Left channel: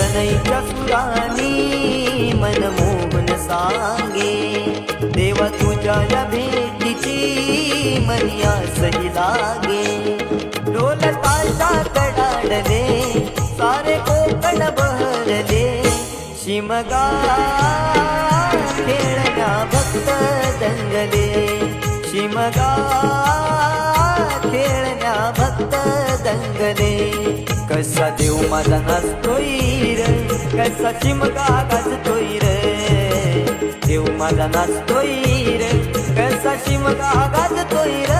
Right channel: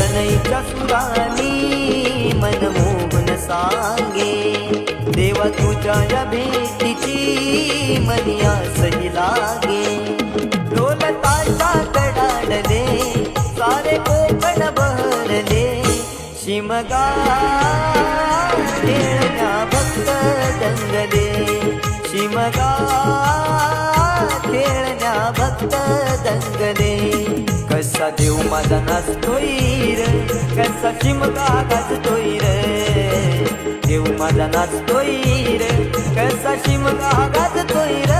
सनईच्या सुरानी मन मोहन सांगे, देवा तुझ्या या भेटीची मनी आसही लागे. ढोल ताशा कडाडले सारे कोकण बहरले, शिमगा खेळण्या भक्त दंगले, शिमगा खेळण्या भक्त दंगले. कसा देव माझा नाचतोय र, कसा शिमगा गाजतोय र, देव माझा नाचतोय र, कसा शिमगा गाजतोय र.